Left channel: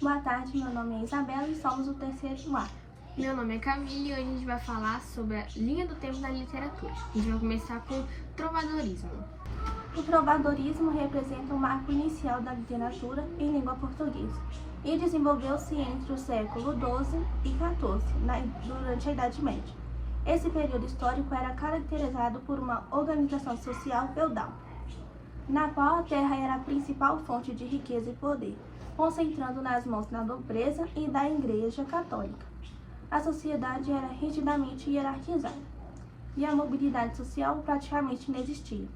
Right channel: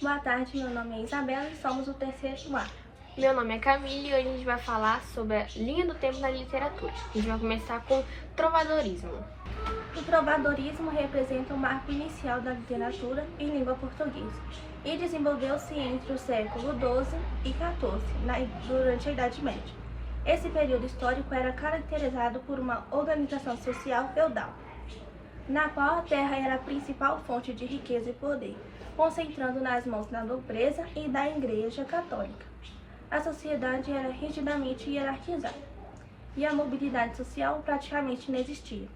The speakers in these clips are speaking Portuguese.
Boa tarde, meu nome é Isabela e somos o terceiro A. Meu nome é Camille e hoje a gente vai falar sobre a linha do tempo na literatura. A gente vai começar com trovadorismo. O trovadorismo representa o marco inicial da literatura em língua portuguesa e desenvolveu-se entre o século XII e XIV, durante a Idade Média. Esse período histórico era caracterizado por uma organização social feudal, na qual a terra era a principal fonte de riqueza e poder, concentrando nas mãos da nobreza e da Igreja Católica. A sociedade era rigidamente hierarquizada e a mobilidade social praticamente não existia.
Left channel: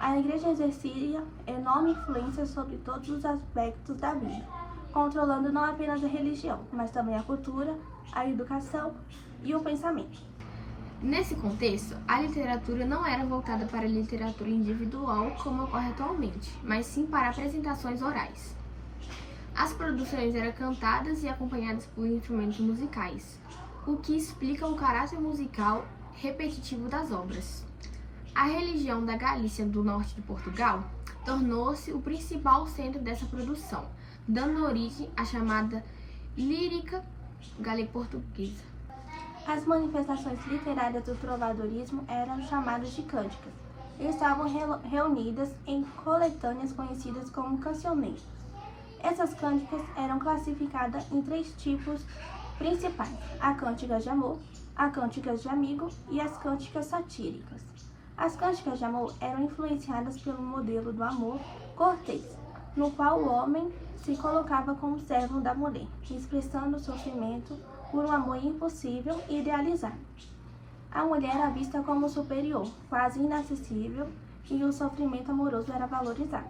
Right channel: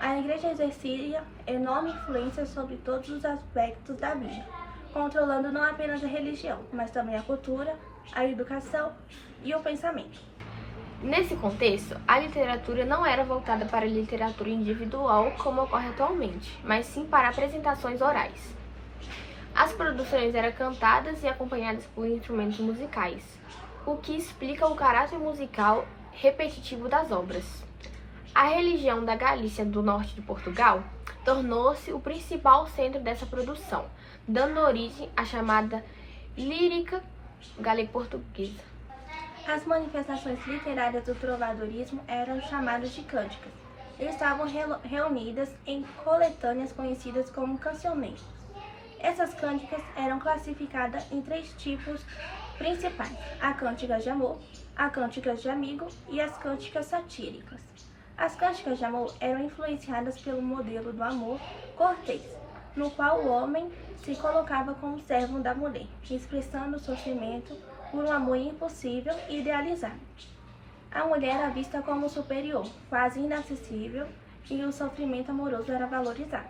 A Igreja exercia enorme influência sobre todos os aspectos da vida, controlando não apenas a religião, mas também a cultura, a educação e o pensamento. Nesse contexto, a literatura não era voltada para a literatura individual como ocorre atualmente, mas sim para apresentações orais. As produções eram cantadas e acompanhadas por instrumentos musicais, o que explica o caráter musical repetitivo das obras. A região da Galícia do norte de Portugal tornou-se o principal centro dessa produção, dando origem à chamada lírica galego-portuguesa. As manifestações literárias do trovadorismo eram chamadas de cânticas e estavam reunidas em coletâneas conhecidas como cancioneiros. Essas cânticas eram classificadas em três tipos principais: a cânticas de amor, a cânticas de amigo e as cânticas satíricas. As cânticas de amor eram influenciadas pelo modelo do amor cortês, no qual o homem se colocava como servo da mulher, expressando o sofrimento por um amor impossível e idealizado. A mulher era vista como superior, quase inacessível, e o sofrimento amoroso era valorizado.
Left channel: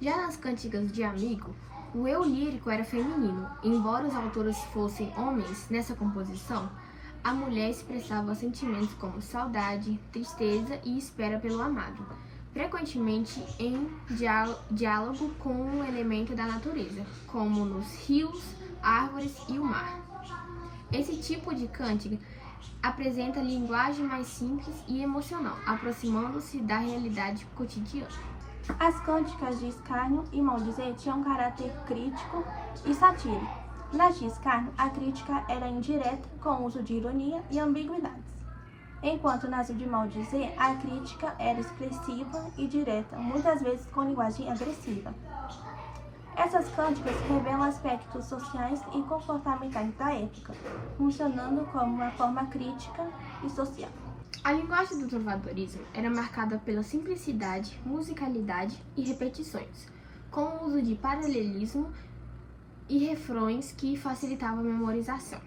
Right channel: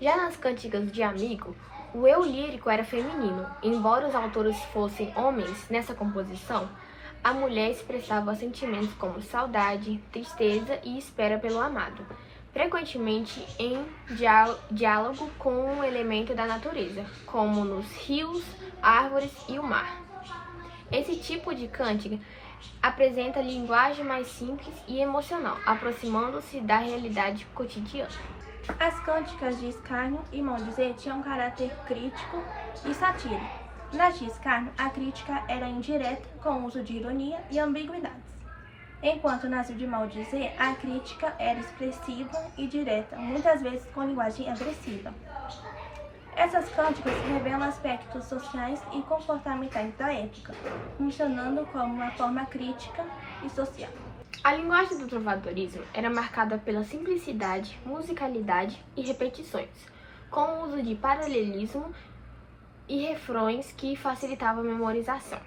Já nas cânticas de amigo, o eu lírico era feminino. Embora os autores fossem homens, nessa composição, a mulher expressava sentimentos como saudade, tristeza e espera pelo amado, frequentemente em diálogo com um elemento da natureza, como nos rios, árvores e o mar. Esse tipo de cântica apresenta linguagem mais simples e emocional, aproximando-se da realidade cotidiana. As cânticas de escárnio e maldizer tinham um caráter crítico e satírico. Nas de escárnio, a crítica era indireta, com o uso de ironia e ambiguidades, enquanto nas de maldizer, a crítica era expressiva e direta, muitas vezes com linguagem agressiva. Essas cânticas revelam aspectos sociais e comportamentais da época, funcionando como uma forma crítica e social. A linguagem do trovadorismo era marcada pela simplicidade, musicalidade e repetições, com o uso de paralelismo e refrões que facilitavam a memorização.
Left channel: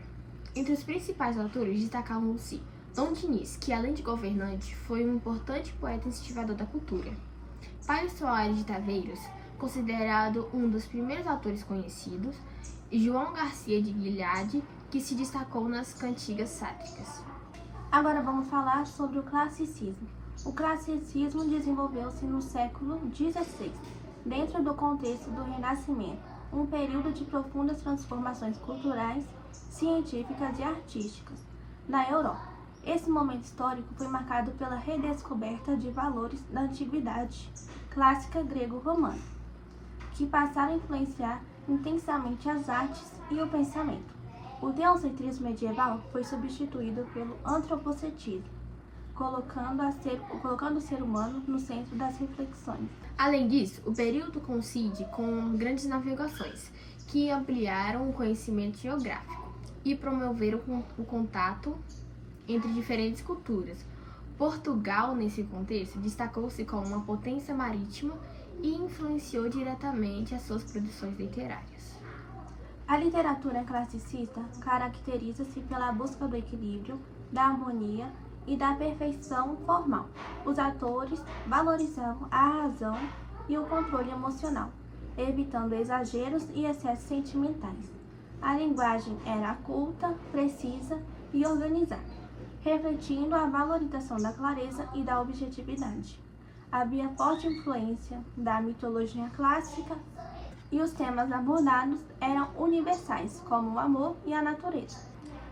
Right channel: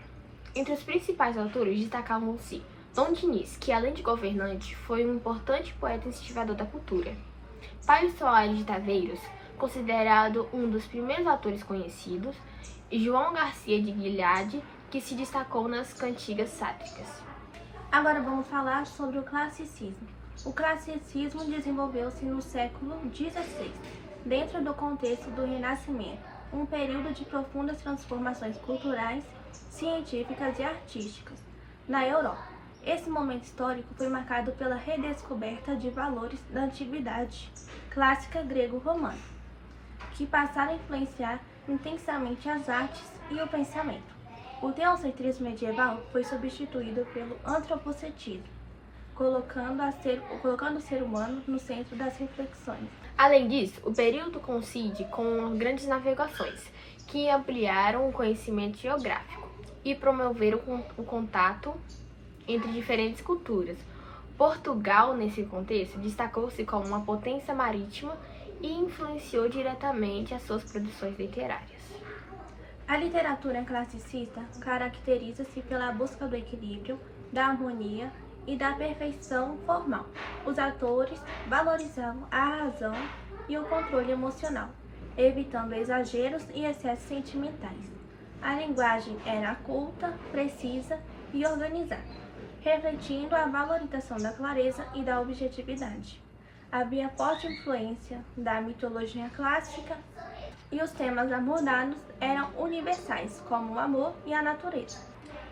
Entre os principais autores destacavam-se Dom Dinis, que além de governante, foi um importante poeta e incentivador da cultura. Paio Soares de Taveiros, considerado um dos primeiros autores conhecidos, e João Garcia de Guilhard, que se destacou nas cantigas sátiricas. Agora vamos falar sobre o classicismo. O classicismo desenvolveu-se no século XVI, dentro do contexto do Renascimento, um período de profundas transformações culturais, científicas e artísticas na Europa. Esse momento histórico foi marcado pela redescoberta de valores da antiguidade clássica grego-romana, que passaram a influenciar intensamente as artes e o pensamento. O teocentrismo medieval foi substituído pelo antropocentrismo, colocando o ser humano no centro das reflexões. Além disso, o período coincide com grandes navegações, que ampliaram o conhecimento geográfico e promoveram o contato entre diferentes culturas. Portugal, nesse contexto, destacou-se como uma potência marítima e influenciou diretamente as suas produções literárias. A literatura classicista caracteriza-se pela busca do equilíbrio, da harmonia e da perfeição formal. Os autores valorizavam a razão e o controle emocional, evitando exageros e excessos sentimentais. A linguagem era culta, precisa e organizada, refletindo a valorização da clareza e da objetividade. Havia forte influência da mitologia clássica e os temas abordados eram universais, como o amor e a natureza.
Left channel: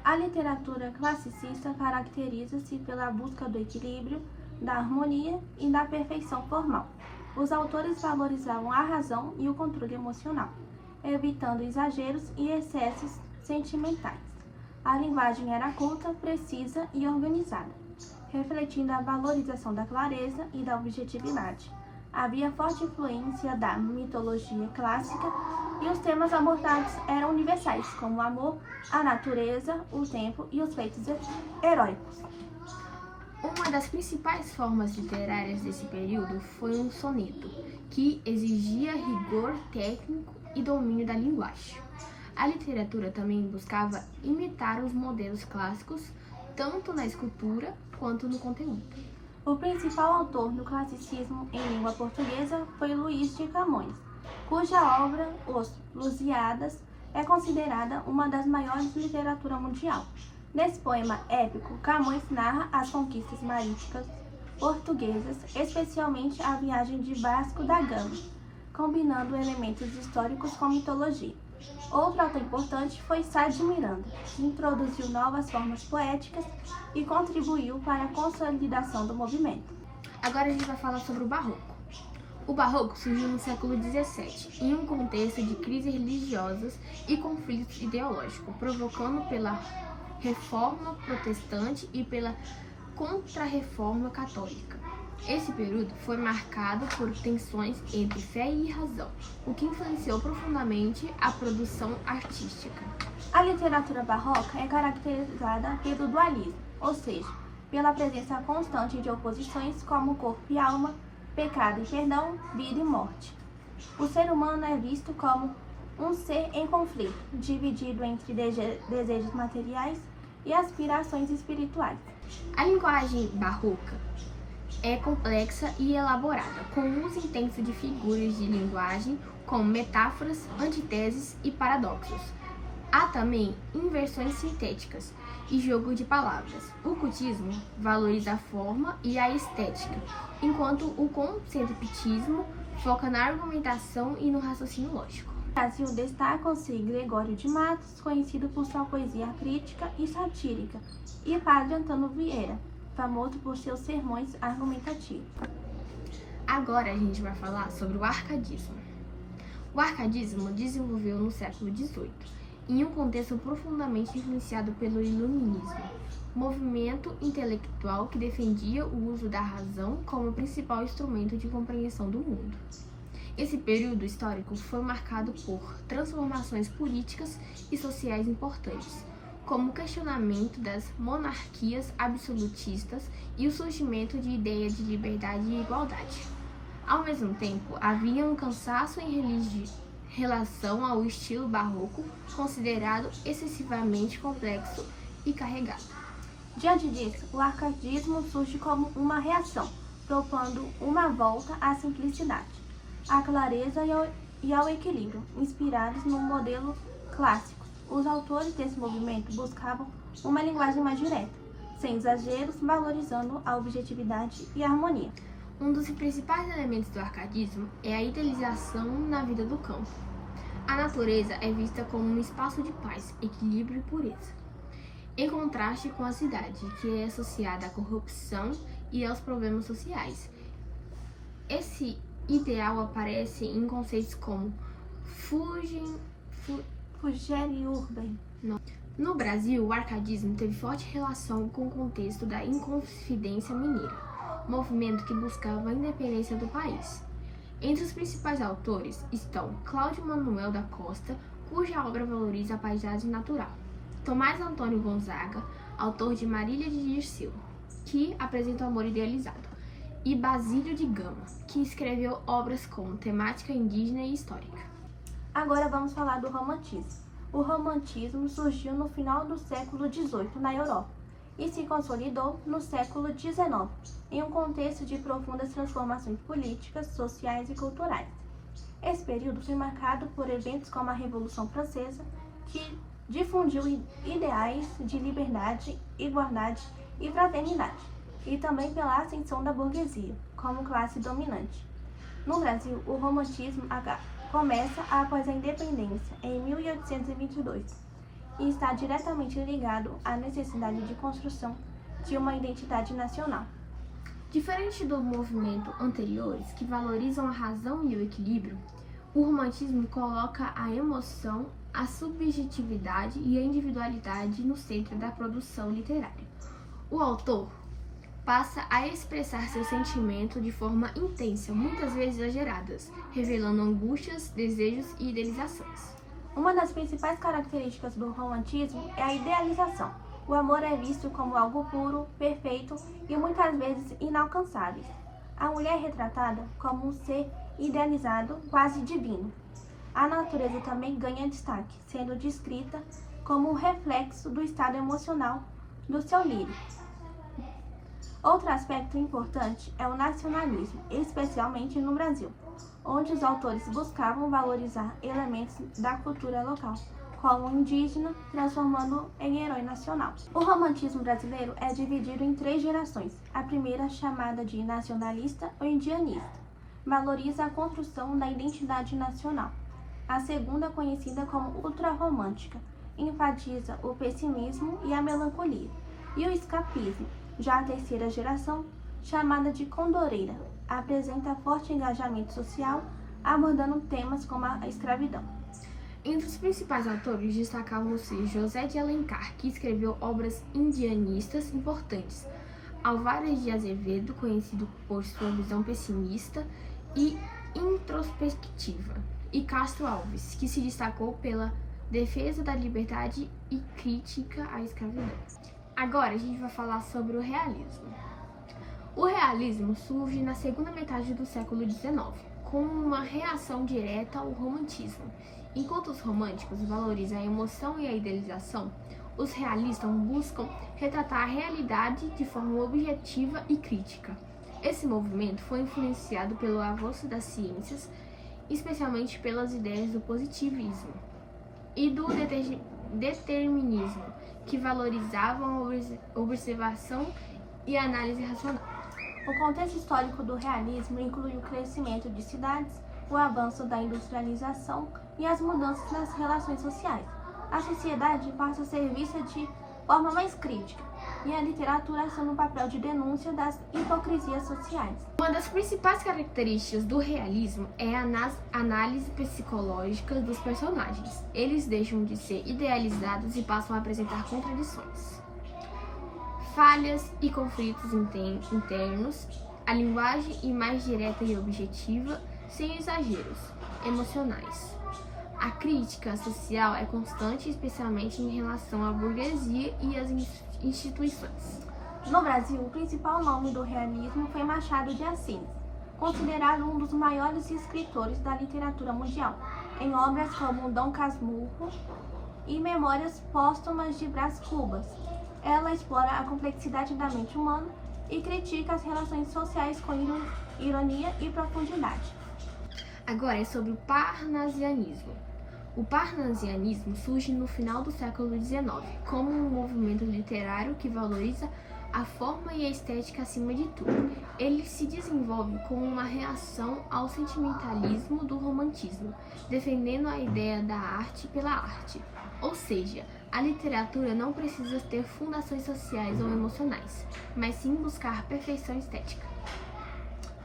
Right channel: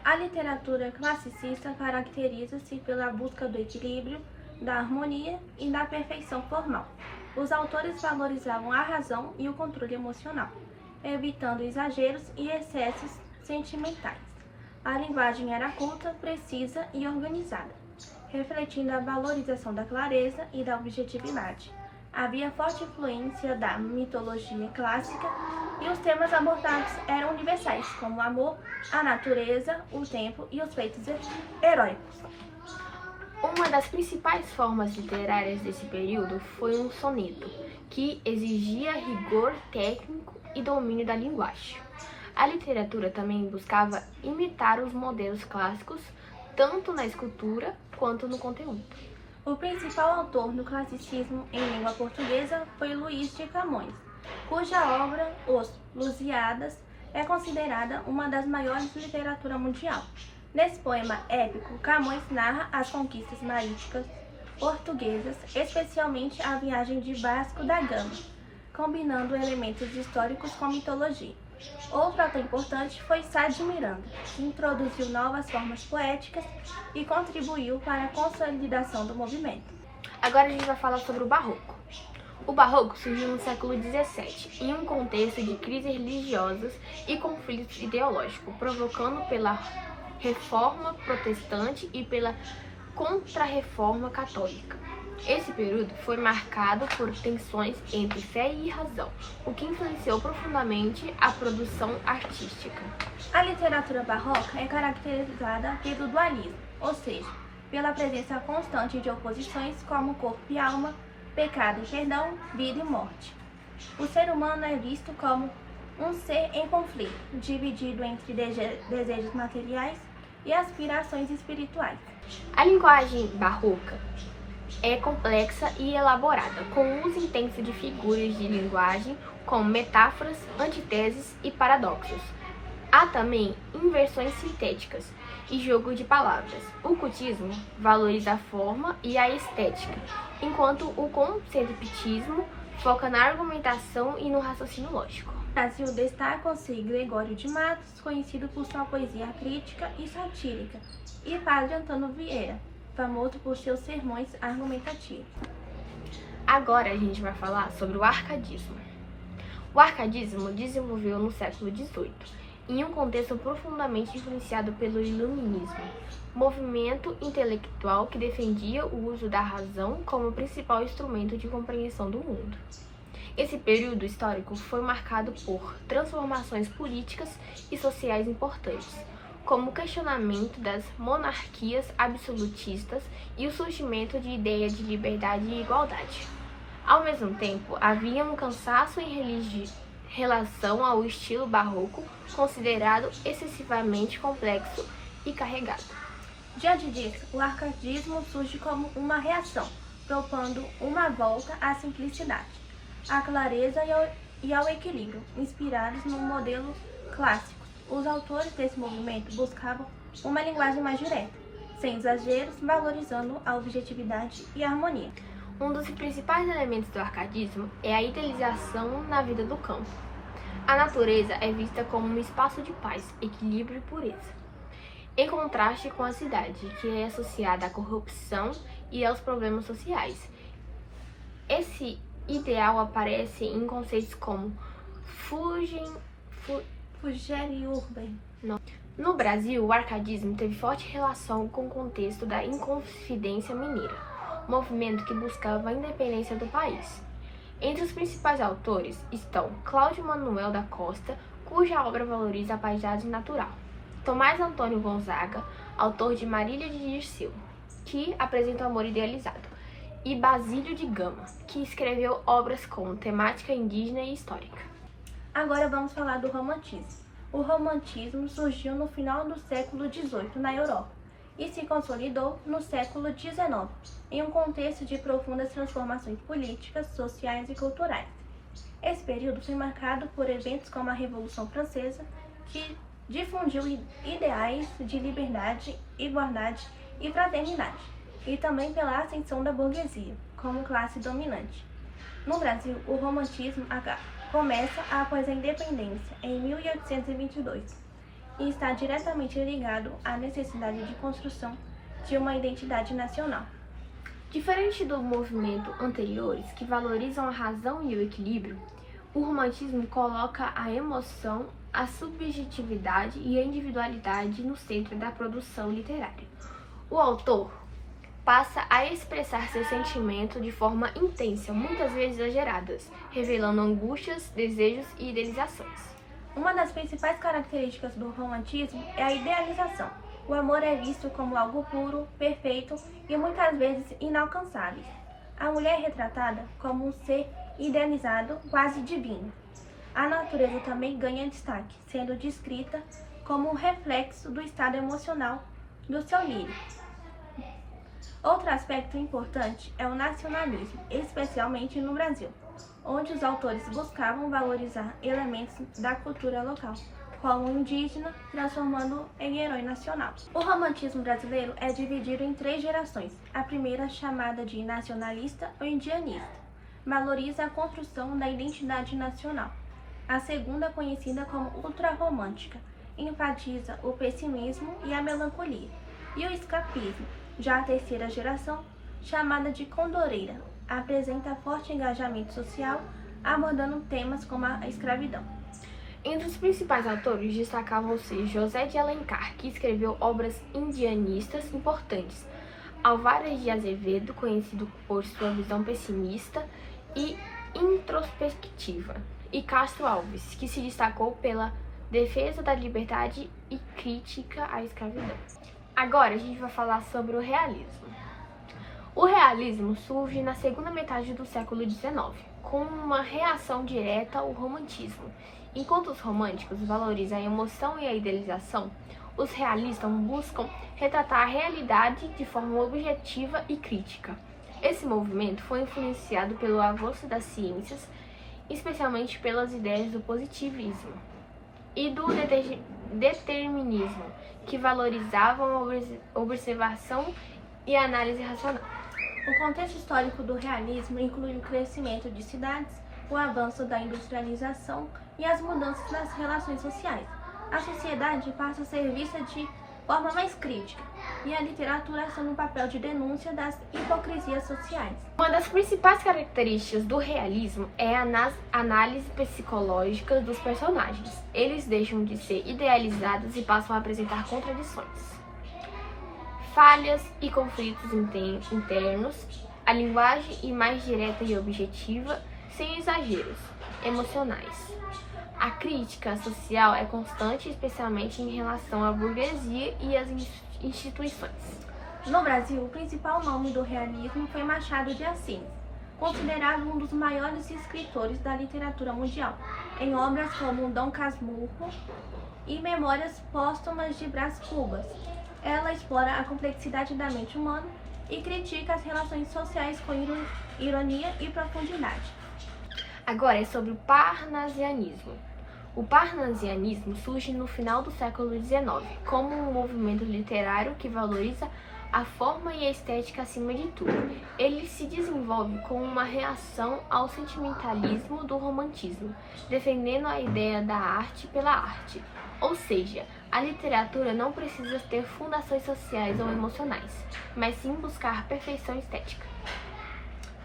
A literatura classicista caracteriza-se pela busca do equilíbrio, da harmonia e da perfeição formal. Os autores valorizavam a razão e o controle emocional, evitando exageros e excessos sentimentais. A linguagem era culta, precisa e organizada, refletindo a valorização da clareza e da objetividade. Havia forte influência da mitologia clássica e os temas abordados eram universais, como o amor, a natureza, o tempo e os feitos heróicos. Uma das principais formas literárias desse período foi um soneto, que exigia rigor técnico e domínio da linguagem. A literatura também buscava imitar os modelos clássicos, tanto na escultura quanto no conteúdo. O principal autor do classicismo em língua portuguesa foi Luís de Camões, cuja obra, Os Lusíadas, é considerada uma das maiores da literatura mundial. Nesse poema épico, Camões narra as conquistas marítimas portuguesas, especialmente a viagem de Vasco da Gama, combinando elementos históricos com mitologia. Outro ator importante foi Sá de Miranda, que introduziu novas formas poéticas e contribuiu para a consolidação do movimento. Agora a gente vai falar sobre o Barroco. O Barroco surgiu no século XVII, em um contexto de crises religiosas e conflitos ideológicos, provocando pela Reforma Protestante e pela Contra-Reforma Católica. Esse período foi marcado por tensões entre fé e razão, o que influenciou profundamente a produção artística. A literatura barroca é caracterizada pelo dualismo, ou seja, pela presença constante de oposições como corpo e alma, pecado e perdão, vida e morte. O ser humano é visto como um ser em conflito, dividido entre desejos materiais e aspirações espirituais. A linguagem barroca é complexa e elaborada, com uso intenso de figuras de linguagem como metáforas, antiteses e paradoxos. Há também inversões sintéticas e jogo de palavras. O cultismo valoriza a forma e a estética, enquanto o conceituismo foca na argumentação e no raciocínio lógico. No Brasil destacam-se Gregório de Matos, conhecido por sua poesia crítica e satírica, e Padre Antônio Vieira, famoso por seus sermões argumentativos. Agora a gente vai falar sobre o arcadismo. O arcadismo desenvolveu no século XVIII, em um contexto profundamente influenciado pelo iluminismo, movimento intelectual que defendia o uso da razão como principal instrumento de compreensão do mundo. Esse período histórico foi marcado por transformações políticas e sociais importantes, como o questionamento das monarquias absolutistas e o surgimento de ideias de liberdade e igualdade. Ao mesmo tempo, havia um cansaço em relação ao estilo barroco, considerado excessivamente complexo e carregado. Diante disso, o arcadismo surge como uma reação, propondo uma volta à simplicidade, à clareza e ao equilíbrio, inspirados no modelo clássico. Os autores desse movimento buscavam uma linguagem mais direta, sem exageros, valorizando a objetividade e a harmonia. Um dos principais elementos do arcadismo é a idealização na vida do campo. A natureza é vista como um espaço de paz, equilíbrio e pureza, em contraste com a cidade, que é associada à corrupção e aos problemas sociais. Esse ideal aparece em conceitos como Fugere Urban. No Brasil, o arcadismo teve forte relação com o contexto da Inconfidência Mineira, movimento que buscava a independência do país. Entre os principais autores estão Cláudio Manuel da Costa, cuja obra valoriza a paisagem natural, Tomás Antônio Gonzaga, autor de Marília de Dirceu, que apresenta o amor idealizado, e Basílio de Gama, que escreveu obras com temática indígena e histórica. Agora vamos falar do romantismo. O romantismo surgiu no final do século XVIII na Europa e se consolidou no século XIX, em um contexto de profundas transformações políticas, sociais e culturais. Esse período foi marcado por eventos como a Revolução Francesa, que difundiu ideais de liberdade, igualdade e fraternidade, e também pela ascensão da burguesia, como classe dominante. No Brasil, o romantismo começa após a independência, em 1822, e está diretamente ligado à necessidade de construção de uma identidade nacional. Diferente do movimento anteriores, que valorizam a razão e o equilíbrio, O romantismo coloca a emoção, a subjetividade e a individualidade no centro da produção literária. O autor passa a expressar seus sentimentos de forma intensa, muitas vezes exageradas, revelando angústias, desejos e idealizações. Uma das principais características do romantismo é a idealização. O amor é visto como algo puro, perfeito e muitas vezes inalcançável. A mulher é retratada como um ser idealizado, quase divino. A natureza também ganha destaque, sendo descrita como um reflexo do estado emocional do seu lírico. Outro aspecto importante é o nacionalismo, especialmente no Brasil, onde os autores buscavam valorizar elementos da cultura local, como o indígena, transformando em herói nacional. O romantismo brasileiro é dividido em 3 gerações. A primeira, chamada de nacionalista ou indianista, valoriza a construção da identidade nacional. A segunda, conhecida como ultrarromântica, enfatiza o pessimismo e a melancolia, e o escapismo. Já a terceira geração, chamada de condoreira, apresenta forte engajamento social, abordando temas como a escravidão. Entre os principais autores destacavam-se José de Alencar, que escreveu obras indianistas importantes, Álvares de Azevedo, conhecido por sua visão pessimista e introspectiva, e Castro Alves, que se destacou pela defesa da liberdade e crítica à escravidão. Agora a gente vai falar sobre o realismo. O realismo surge na segunda metade do século XIX, como uma reação direta ao romantismo. Enquanto os românticos valorizam a emoção e a idealização, os realistas buscam retratar a realidade de forma objetiva e crítica. Esse movimento foi influenciado pelo avanço das ciências, especialmente pelas ideias do positivismo e do determinismo, que valorizavam a observação e a análise racional. O contexto histórico do realismo inclui o crescimento de cidades, o avanço da industrialização e as mudanças nas relações sociais. A sociedade passa a ser vista de forma mais crítica, e a literatura assume um papel de denúncia das hipocrisias sociais. Uma das principais características do realismo é a análise psicológica dos personagens. Eles deixam de ser idealizados e passam a apresentar contradições, falhas e conflitos internos, a linguagem é mais direta e objetiva, sem exageros emocionais. A crítica social é constante, especialmente em relação à burguesia e às instituições. No Brasil, o principal nome do realismo foi Machado de Assis, considerado um dos maiores escritores da literatura mundial, em obras como Dom Casmurro e Memórias Póstumas de Brás Cubas. Ela explora a complexidade da mente humana e critica as relações sociais com ironia e profundidade. Agora é sobre o parnasianismo. O parnasianismo surge no final do século XIX como um movimento literário que valoriza a forma e a estética acima de tudo. Ele se desenvolve como uma reação ao sentimentalismo do romantismo, defendendo a ideia da arte pela arte. Ou seja, a literatura não precisa ter fundações sociais ou emocionais, mas sim buscar perfeição estética.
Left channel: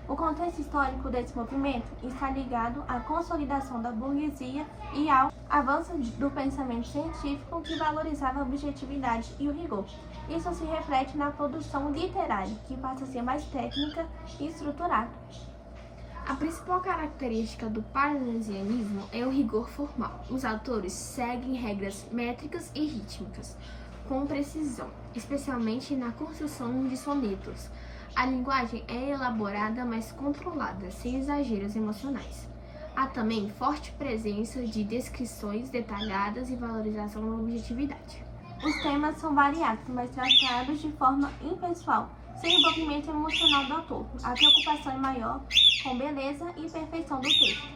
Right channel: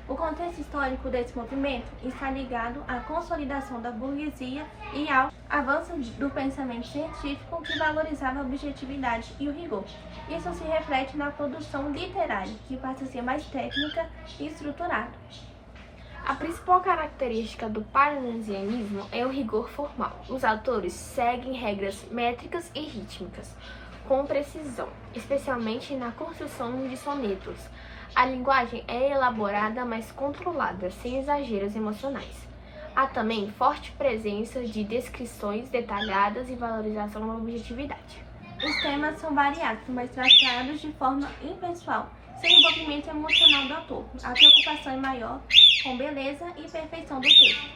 O contexto histórico desse movimento está ligado à consolidação da burguesia e ao avanço do pensamento científico que valorizava a objetividade e o rigor. Isso se reflete na produção literária, que passa a ser mais técnica e estruturada. A principal característica do parnasianismo é o rigor formal. Os autores seguem regras métricas e rítmicas com precisão, especialmente na construção de sonetos. A linguagem é elaborada, mas controlada, sem exageros emocionais. Há também forte presença de descrições detalhadas e valorização da objetividade. Os temas são variados, mas tratados de forma impessoal, sem envolvimento emocional do autor. A preocupação é maior com beleza e perfeição do texto.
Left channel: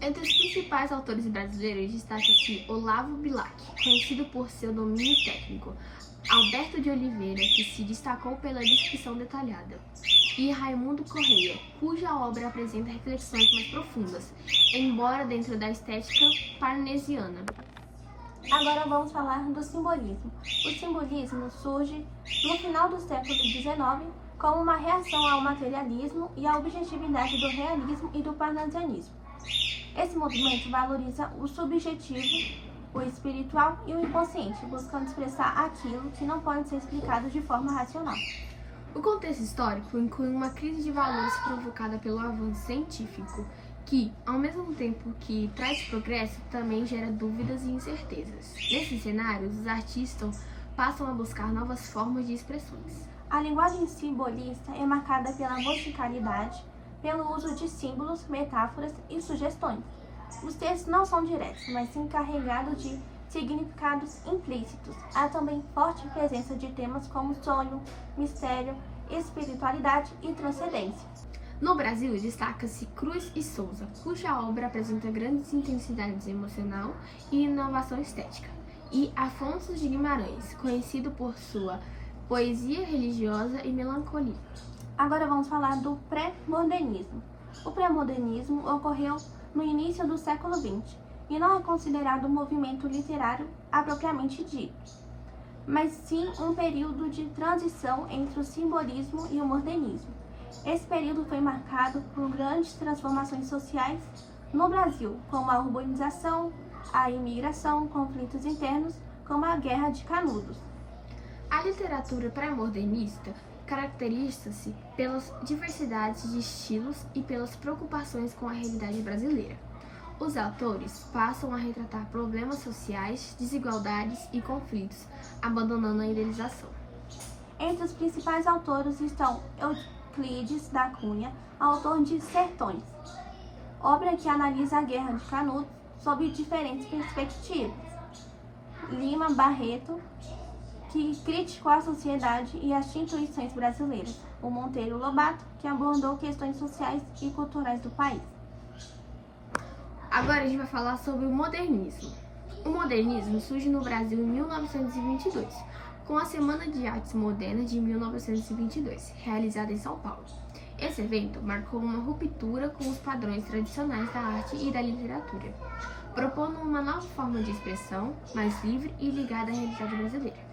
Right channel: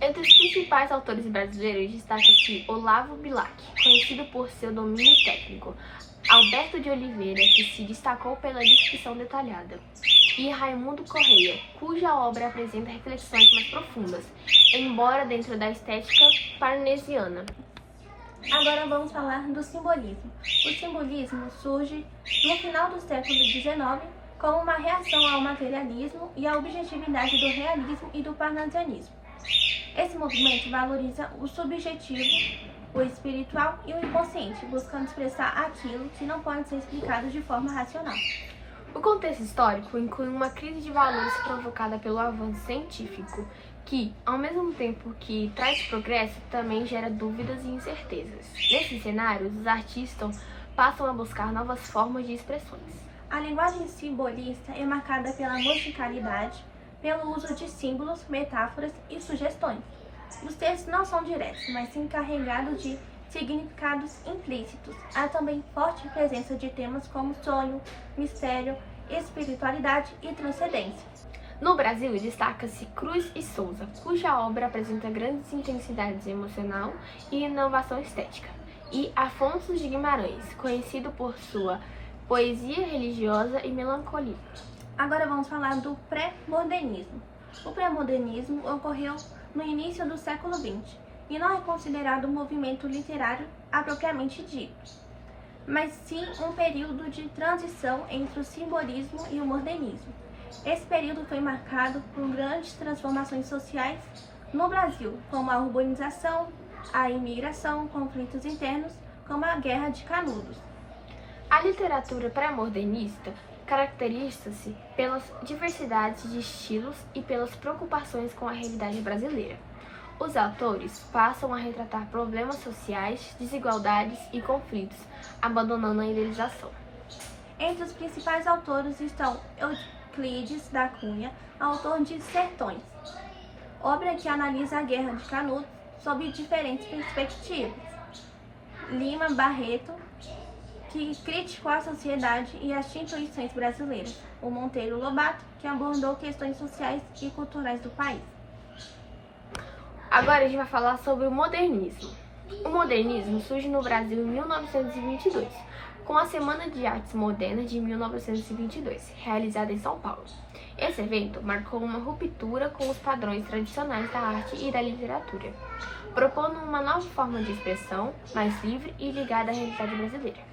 Entre os principais autores brasileiros destaca-se Olavo Bilac, conhecido por seu domínio técnico, Alberto de Oliveira, que se destacou pela descrição detalhada, e Raimundo Correia, cuja obra apresenta reflexões mais profundas, embora dentro da estética parnasiana. Agora vamos falar do simbolismo. O simbolismo surge no final do século XIX como uma reação ao materialismo e à objetividade do realismo e do parnasianismo. Esse movimento valoriza o subjetivo, o espiritual e o inconsciente, buscando expressar aquilo que não pode ser explicado de forma racional. O contexto histórico inclui uma crise de valores provocada pelo avanço científico, que, ao mesmo tempo que traz progresso, também gera dúvidas e incertezas. Nesses cenários, os artistas passam a buscar novas formas de expressões. A linguagem simbolista é marcada pela musicalidade, pelo uso de símbolos, metáforas e sugestões. Os textos não são diretos, mas sim carregados de significados implícitos. Há também forte presença de temas como sonho, mistério, espiritualidade e transcendência. No Brasil, destaca-se Cruz e Souza, cuja obra apresenta grandes intensidades emocional e inovação estética, e Afonso de Guimarães, conhecido por sua poesia religiosa e melancolia. Agora vamos falar do pré-modernismo. O pré-modernismo ocorreu no início do século XX e não é considerado um movimento literário propriamente dito, mas sim um período de transição entre o simbolismo e o modernismo. Esse período foi marcado por grandes transformações sociais no Brasil, como a urbanização, a imigração, conflitos internos, como a Guerra de Canudos. A literatura pré-modernista caracteriza-se pelas diversidades de estilos e pelas preocupações com a realidade brasileira. Os autores passam a retratar problemas sociais, desigualdades e conflitos, abandonando a idealização. Entre os principais autores estão Euclides da Cunha, autor de Sertões, obra que analisa a Guerra de Canudos sob diferentes perspectivas. Lima Barreto, que criticou a sociedade e as instituições brasileiras. O Monteiro Lobato, que abordou questões sociais e culturais do país. Agora a gente vai falar sobre o modernismo. O modernismo surge no Brasil em 1922, com a Semana de Artes Modernas de 1922, realizada em São Paulo. Esse evento marcou uma ruptura com os padrões tradicionais da arte e da literatura, propondo uma nova forma de expressão, mais livre e ligada à realidade brasileira.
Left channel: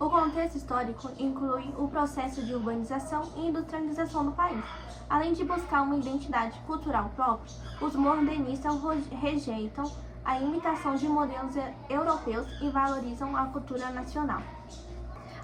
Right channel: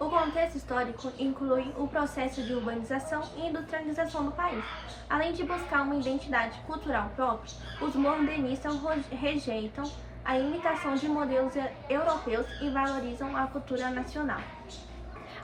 O contexto histórico inclui o processo de urbanização e industrialização do país. Além de buscar uma identidade cultural própria, os modernistas rejeitam a imitação de modelos europeus e valorizam a cultura nacional.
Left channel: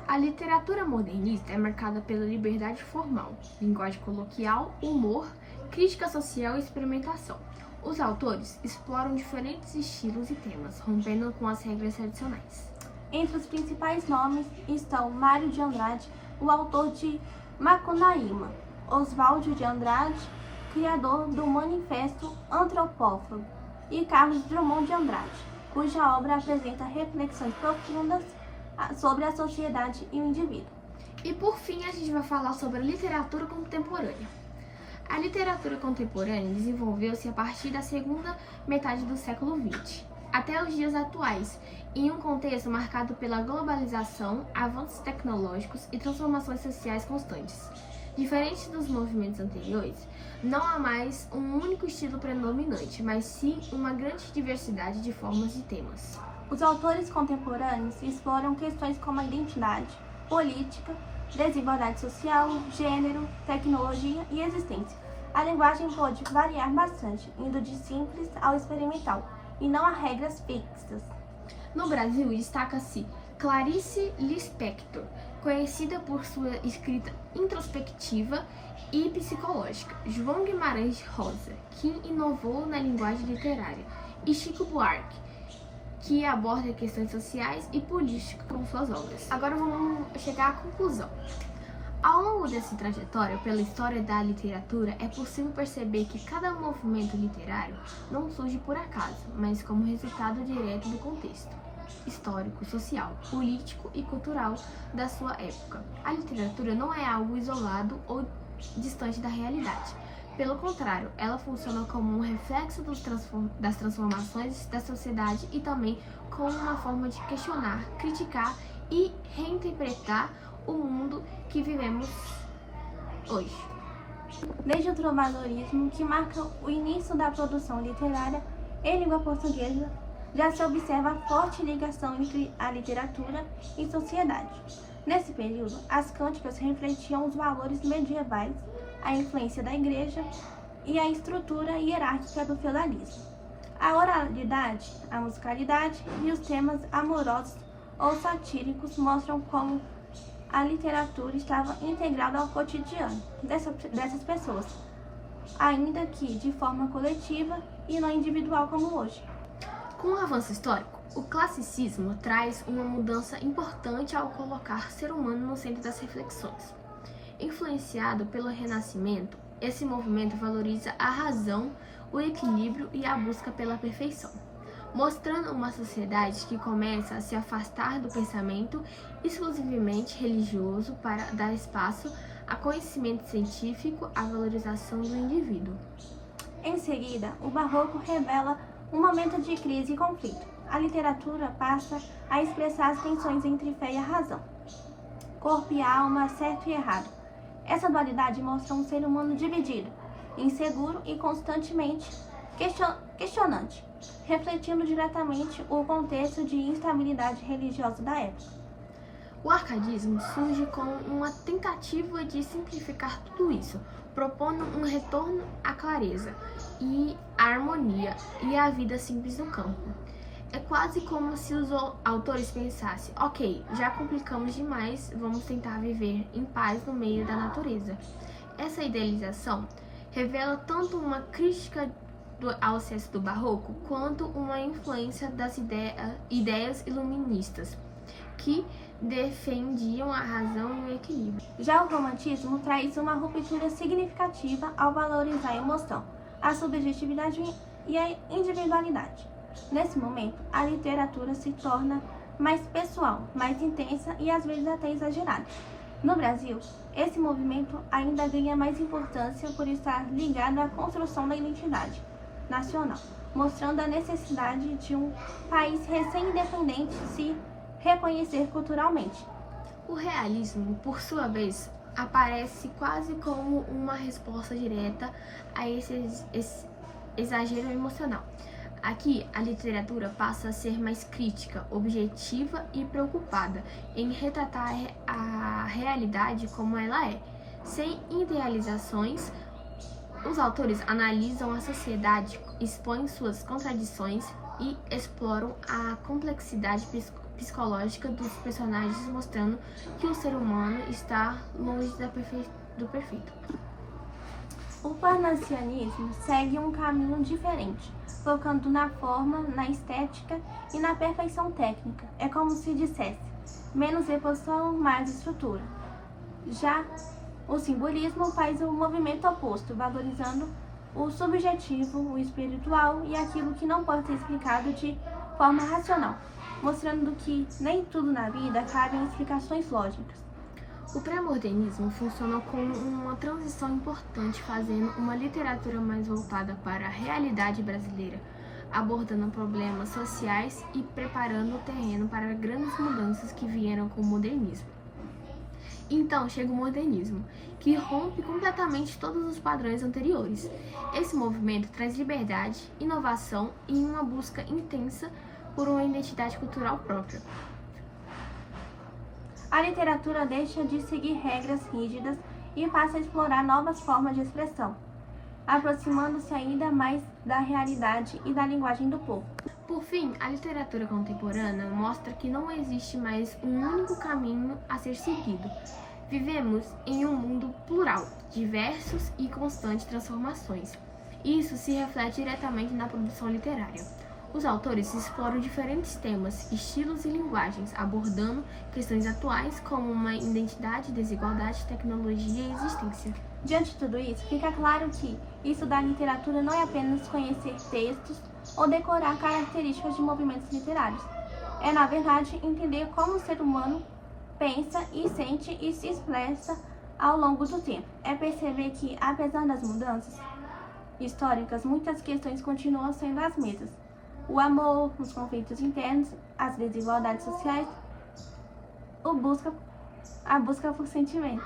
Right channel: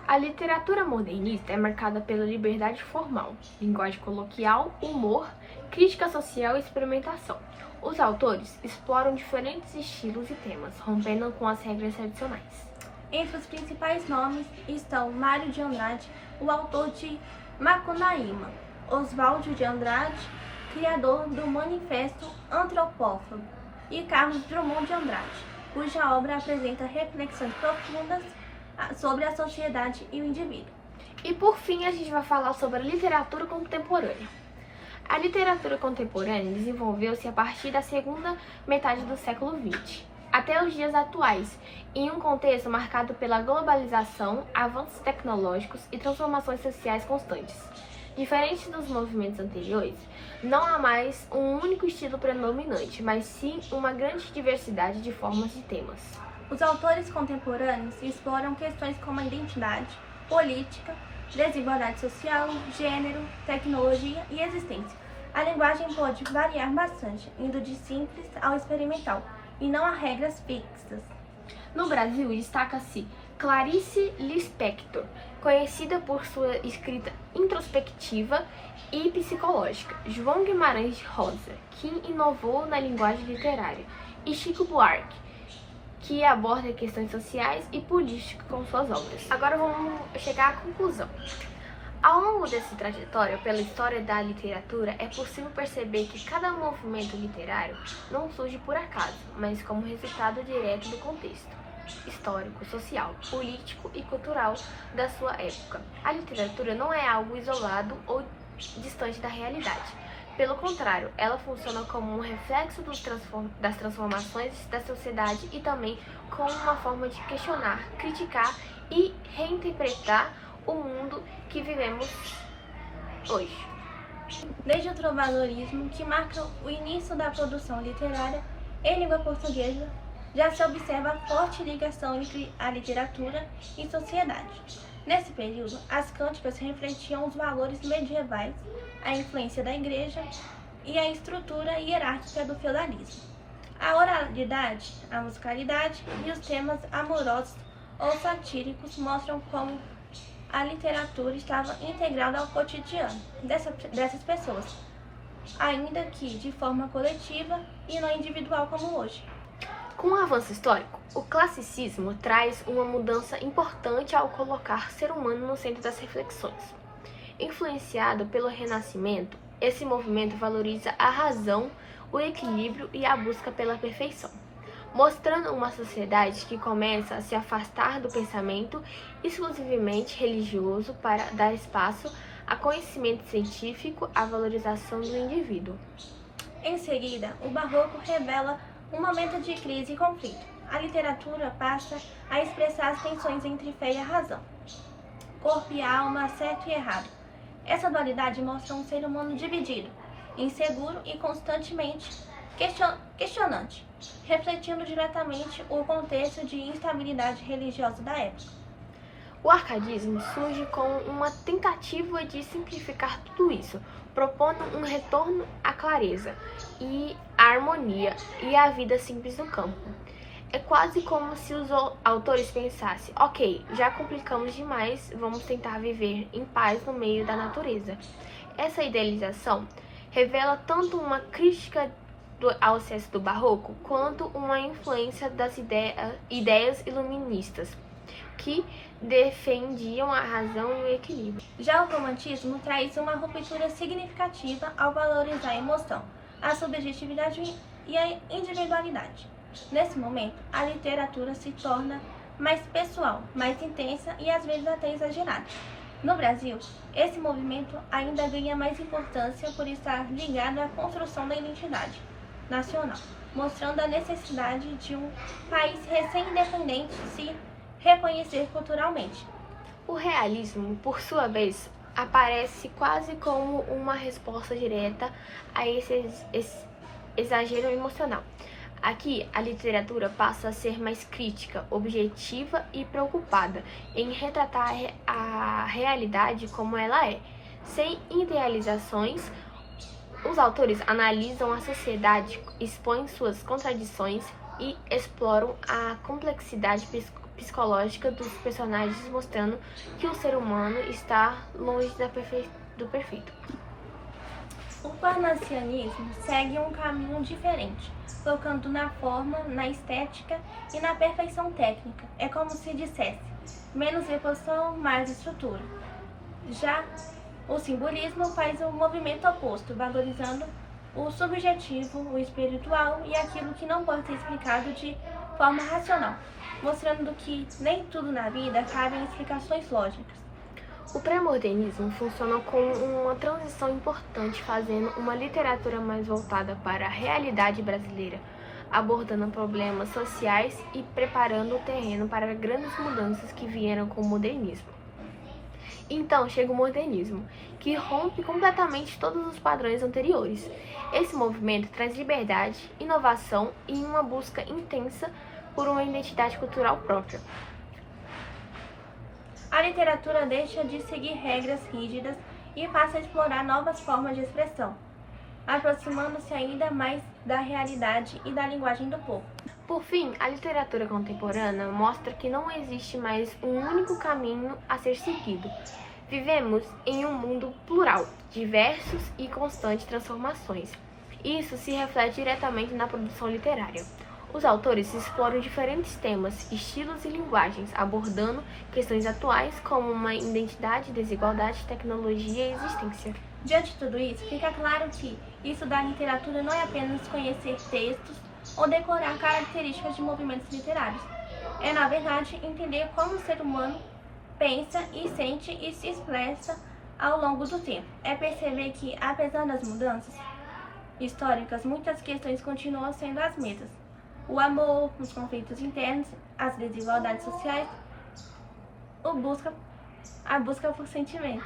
A literatura modernista é marcada pela liberdade formal, linguagem coloquial, humor, crítica social e experimentação. Os autores exploram diferentes estilos e temas, rompendo com as regras tradicionais. Entre os principais nomes estão Mário de Andrade, o autor de Macunaíma, Oswaldo de Andrade, criador do Manifesto Antropófago, e Carlos Drummond de Andrade, cuja obra apresenta reflexões profundas sobre a sociedade e o indivíduo. E por fim, a gente vai falar sobre a literatura contemporânea. A literatura contemporânea desenvolveu-se a partir da segunda metade do século XX, até os dias atuais, em um contexto marcado pela globalização, avanços tecnológicos e transformações sociais constantes. Diferente dos movimentos anteriores, não há mais um único estilo predominante, mas sim uma grande diversidade de formas e temas. Os autores contemporâneos exploram questões como a identidade, política, desigualdade social, gênero, tecnologia e existência. A linguagem pode variar bastante, indo de simples ao experimental, e não há regras fixas. No Brasil, destaca-se Clarice Lispector, conhecida por sua escrita introspectiva e psicológica, João Guimarães Rosa, que inovou na linguagem literária, e Chico Buarque, que aborda questões sociais e políticas com suas obras. Agora vamos chegar à conclusão. Ao longo dessa trajetória pela história da literatura, é possível perceber que cada movimento literário não surge por acaso, mas como resultado direto do contexto histórico, social, político e cultural da sua época. A literatura não é algo isolado ou distante da realidade. Pelo contrário, ela funciona como um reflexo das transformações da sociedade e também como uma forma de questionar, criticar e reinterpretar o mundo que vivemos hoje. Desde o trovadorismo, que marca o início da produção literária em língua portuguesa, já se observa a forte ligação entre a literatura e sociedade. Nesse período, as cânticas refletiam os valores medievais, a influência da igreja e a estrutura hierárquica do feudalismo. A oralidade, a musicalidade e os temas amorosos ou satíricos mostram como a literatura estava integrada ao cotidiano dessas pessoas, ainda que de forma coletiva e não individual como hoje. Com o avanço histórico, o classicismo traz uma mudança importante ao colocar o ser humano no centro das reflexões. Influenciado pelo Renascimento, esse movimento valoriza a razão, o equilíbrio e a busca pela perfeição, mostrando uma sociedade que começa a se afastar do pensamento exclusivamente religioso para dar espaço a conhecimento científico, à valorização do indivíduo. Em seguida, o Barroco revela um momento de crise e conflito. A literatura passa a expressar as tensões entre fé e a razão, corpo e alma, certo e errado. Essa dualidade mostra um ser humano dividido, inseguro e constantemente questionante, refletindo diretamente o contexto de instabilidade religiosa da época. O arcadismo surge como uma tentativa de simplificar tudo isso, propondo um retorno à clareza e à harmonia e à vida simples no campo. É quase como se os autores pensassem: ok, já complicamos demais, vamos tentar viver em paz no meio da natureza. Essa idealização revela tanto uma crítica ao excesso do barroco, quanto uma influência das ideias iluministas, que defendiam a razão e o equilíbrio. Já o romantismo traz uma ruptura significativa ao valorizar a emoção, a subjetividade e a individualidade. Nesse momento, a literatura se torna mais pessoal, mais intensa e às vezes até exagerada. No Brasil, esse movimento ainda ganha mais importância por estar ligado à construção da identidade nacional, mostrando a necessidade de um país recém-independente se reconhecer culturalmente. O realismo, por sua vez, aparece quase como uma resposta direta a esse exagero emocional. Aqui, a literatura passa a ser mais crítica, objetiva e preocupada em retratar a realidade como ela é. Sem idealizações, os autores analisam a sociedade, expõem suas contradições e exploram a complexidade psicológica dos personagens, mostrando que o ser humano está longe do perfeito. O parnasianismo segue um caminho diferente, focando na forma, na estética e na perfeição técnica. É como se dissesse: menos reposição, mais estrutura. Já o simbolismo faz o movimento oposto, valorizando o subjetivo, o espiritual e aquilo que não pode ser explicado de forma racional, mostrando que nem tudo na vida cabe em explicações lógicas. O pré-modernismo funciona como uma transição importante, fazendo uma literatura mais voltada para a realidade brasileira, abordando problemas sociais e preparando o terreno para grandes mudanças que vieram com o modernismo. Então chega o modernismo, que rompe completamente todos os padrões anteriores. Esse movimento traz liberdade, inovação e uma busca intensa por uma identidade cultural própria. A literatura deixa de seguir regras rígidas e passa a explorar novas formas de expressão, aproximando-se ainda mais da realidade e da linguagem do povo. Por fim, a literatura contemporânea mostra que não existe mais um único caminho a ser seguido. Vivemos em um mundo plural, diversos e constantes transformações. Isso se reflete diretamente na produção literária. Os autores exploram diferentes temas, estilos e linguagens, abordando questões atuais como uma identidade, desigualdade, tecnologia e existência. Diante de tudo isso, fica claro que estudar literatura não é apenas conhecer textos ou decorar características de movimentos literários. É, na verdade, entender como o ser humano pensa e sente e se expressa ao longo do tempo. É perceber que, apesar das mudanças históricas, muitas questões continuam sendo as mesmas. O amor, os conflitos internos, as desigualdades sociais, a busca por sentimento.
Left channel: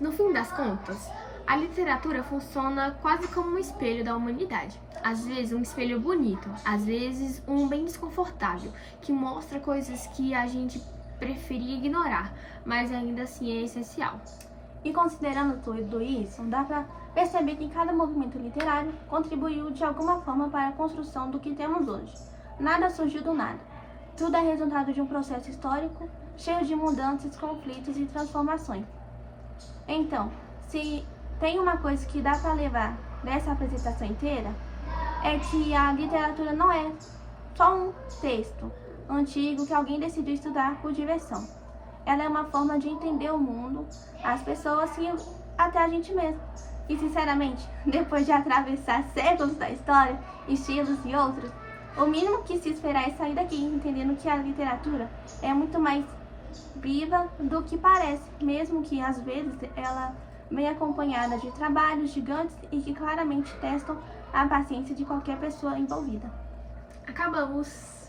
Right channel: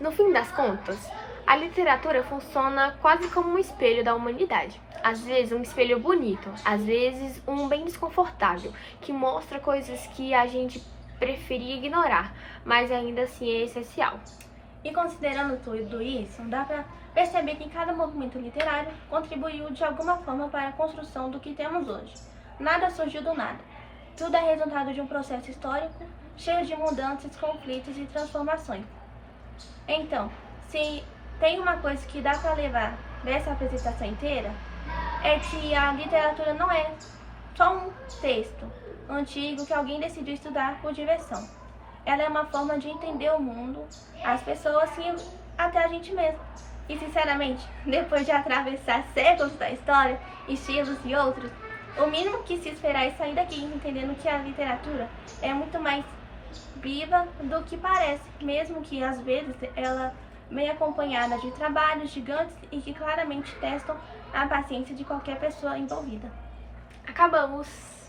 No fim das contas, a literatura funciona quase como um espelho da humanidade. Às vezes um espelho bonito, às vezes um bem desconfortável, que mostra coisas que a gente preferia ignorar, mas ainda assim é essencial. E considerando tudo isso, dá para perceber que cada movimento literário contribuiu de alguma forma para a construção do que temos hoje. Nada surgiu do nada. Tudo é resultado de um processo histórico cheio de mudanças, conflitos e transformações. Então, se tem uma coisa que dá para levar dessa apresentação inteira, é que a literatura não é só um texto antigo que alguém decidiu estudar por diversão. Ela é uma forma de entender o mundo, as pessoas e até a gente mesmo. E sinceramente, depois de atravessar séculos da história, estilos e outros, o mínimo que se esperar é sair daqui entendendo que a literatura é muito mais viva do que parece, mesmo que às vezes ela venha acompanhada de trabalhos gigantes e que claramente testam a paciência de qualquer pessoa envolvida. Acabamos!